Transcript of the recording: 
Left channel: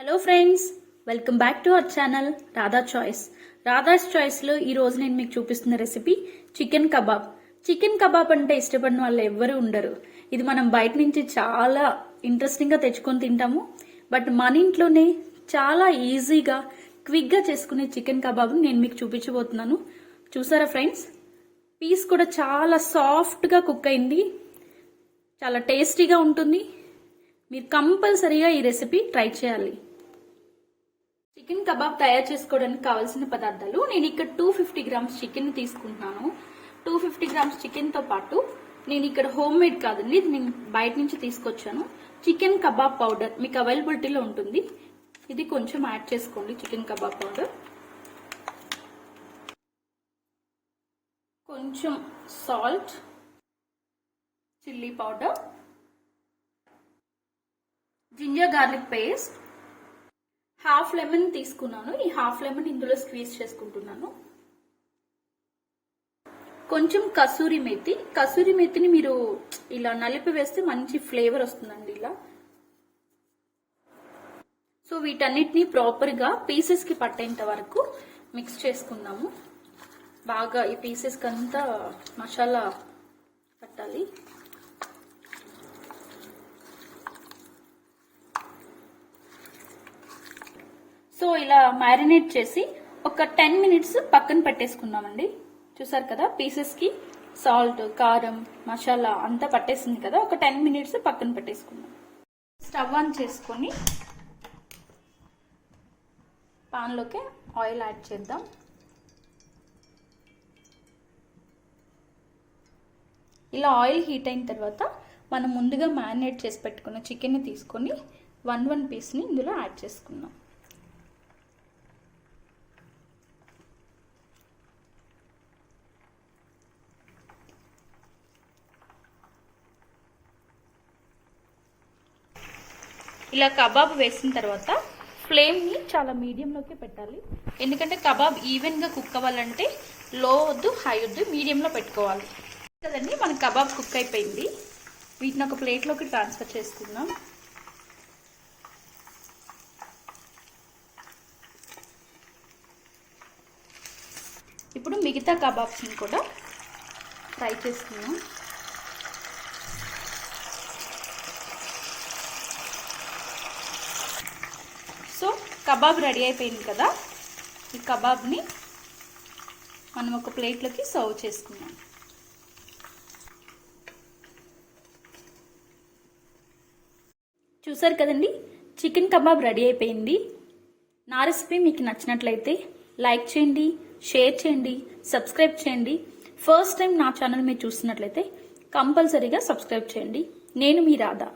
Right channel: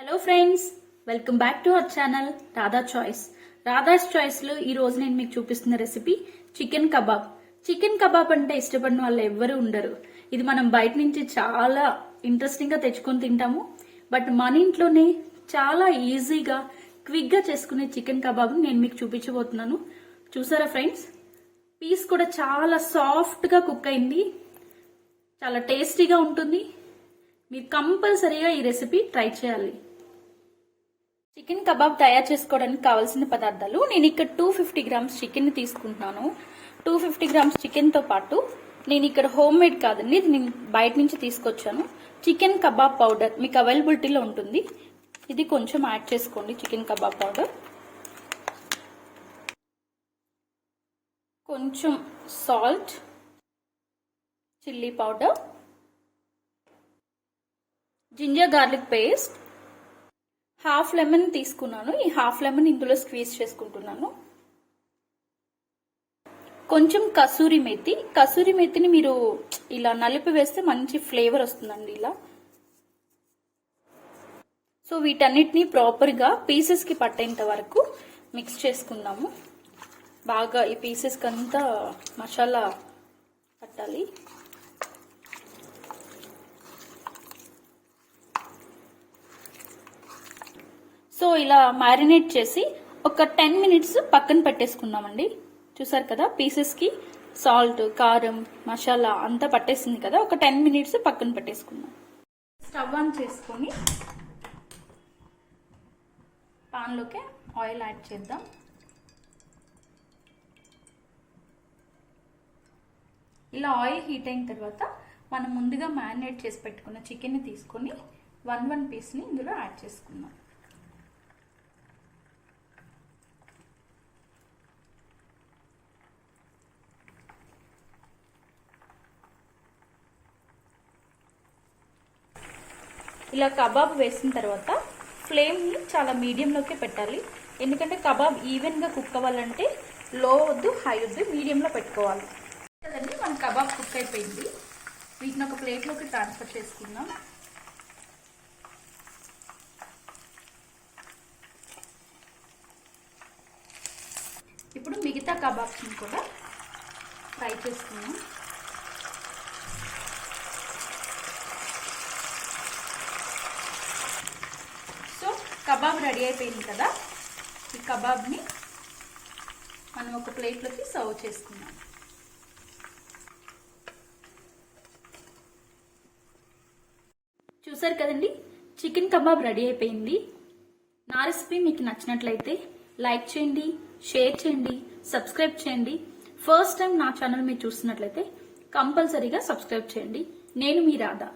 Hello friends welcome back to our channel Radha choice Radha's చాయిస్లో ఈరోజు ఈ రోజు నేను మీకు చూపిస్తున్న recipe chicken kebab chicken kebab అంటే ఇష్టపడిన వాళ్ళు ఎవ్వరు ఉండరు. ఇది మనం బయట నుంచి చాలా ఇంట్రెస్టింగ్గా తెచ్చుకొని తింటాము. బట్ మన ఇంట్లోనే చాలా ఈజీగా క్విక్గా చేసుకునే చికెన్ కబాబ్ నేను మీకు చూపించబోతున్నాను. చూసారా ఫ్రెండ్స్ పీస్ కూడా చాలా సాఫ్ట్గా కుక్ అయింది. చాలా టేస్టీగా ఉంటుంది. మీరు కంపల్సరీగా ఈ రెసిపీ ట్రై చేయాలి. చికెన్ కబాబ్ తయారు చేసుకోవడానికి కావాల్సిన పదార్థాలు. నేను ఇక్కడ టూ ఫిఫ్టీ గ్రామ్స్ చికెన్ తీసుకుంటున్నాను. టూ ఫిఫ్టీ గ్రామ్స్ చికెన్తో పాటు నేను ఇక్కడ హోమ్ మేడ్ కాదండి ఇది నేను బయట నుంచి తీసుకొచ్చాను. చికెన్ కబాబ్ పౌడర్ మీకు అవైలబిలిటీలో ఉంటుంది. ఇది కొంచెం యాడ్ చేసుకోండి చికెన్ కబాబ్ పౌడర్. కొంచెం salt chilli powder ginger garlic paste half lemon తీసుకున్నాను. ఈ హాఫ్ లెమన్ ఇందులో స్క్వీజ్ చేసుకుంటున్నాను. కొంచెం కసూరి మెత్తి కసూరి మెత్తిని మీరు ఇలా నలిపి వేస్తే మంచి ఫ్లేవర్ వస్తుందండి ఇలా. సో వీటన్నిటిని ప్రాపర్గా పీసెస్కి పట్టేంత వరకు మిక్స్ చేసుకుందాము. బాగా ఈ పీసెస్కి అంతా మసాలా పట్టాలి. సో ఇలా మ్యారినేట్ చేసి ఒక టెన్ మినిట్స్ పక్కన పెట్టేసుకుందామండి చూసారు కదా పీసెస్కి సాల్ట్ కారం మసాలా అంతా పట్టేసింది కదా ఒక టెన్ మినిట్స్ పక్కన పెట్టేసుకుందాం స్టవ్ ఆన్ చేసుకొని పాన్లోకి ఆయిల్ యాడ్ చేద్దాం. ఇలా ఆయిల్ హీట్ అయిన తర్వాత మనం ముందుగా మ్యారినేట్ చేసి పెట్టుకున్న చికెన్ని తీసుకొని వన్ వన్ పీస్ని ఇందులో యాడ్ చేసుకుందాం. ఇలా కబాబ్ వేసిన తర్వాత ఫ్లేమ్ని చాలా మీడియంలోకి పెట్టాలి. ఎందుకంటే కబాబ్ ఈవెన్గా కుక్ అవ్వాలంటే లో వద్దు హై వద్దు మీడియంలో పెట్టుకోవాలి. కదండి మన కబాబ్ కుక్ అయిపోయింది. వీటిని ఒక ప్లేట్లోకి ట్రాన్స్ఫర్ చేసుకుందాం. ఇప్పుడు మిగతా కబాబ్స్ని కూడా ఫ్రై చేసుకుందాం సో కబాబ్ రెడీ అయిపోయింది కదా? ఈ కబాబ్ని మనం ఒక ప్లేట్లోకి సర్వ్ చేసుకుందాం. చూసారు కదండి? చికెన్ కబాబ్ రెడీ అయిపోయింది. నా రెసిపీ మీకు నచ్చినట్లయితే లైక్ చేయండి షేర్ చేయండి సబ్స్క్రైబ్ చేయండి. ఫస్ట్ టైం నా ఛానల్ మీరు చూస్తున్నట్లయితే కంపల్సరీగా సబ్స్క్రైబ్ చేయండి. నేను మీ రాధా.